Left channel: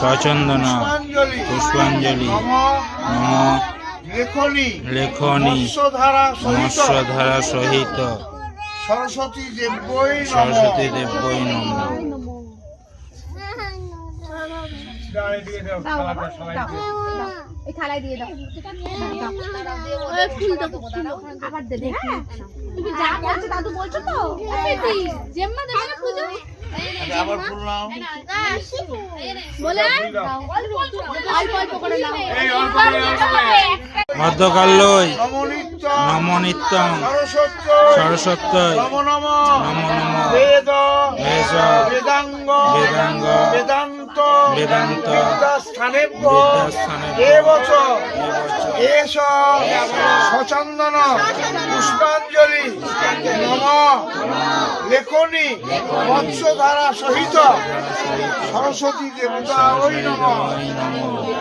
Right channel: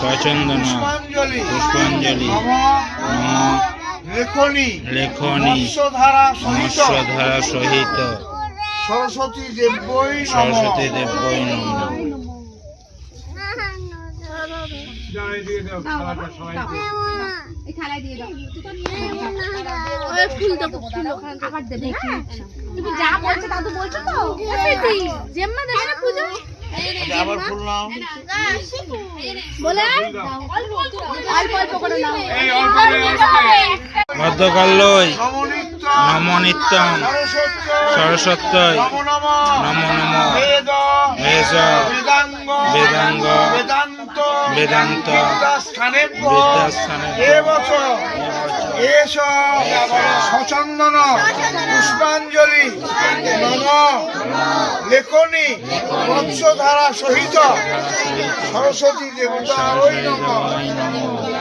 সচন্দন পুষ্পাঞ্জলি নম লেখনী মৎস্যধারা সহিত সরস্বতী দেব্যই নমঃ। আবার ফুল নাও। মধ্যকাল্যই নম নিত্যং সরস্বত্যই নম নমঃ। বেদ বেদাঙ্গ বেদান্ত সচন্দন পুষ্পাঞ্জলি নম লেখনী মৎস্যধারা সহিত সরস্বতী দেবতা ওই নমঃ।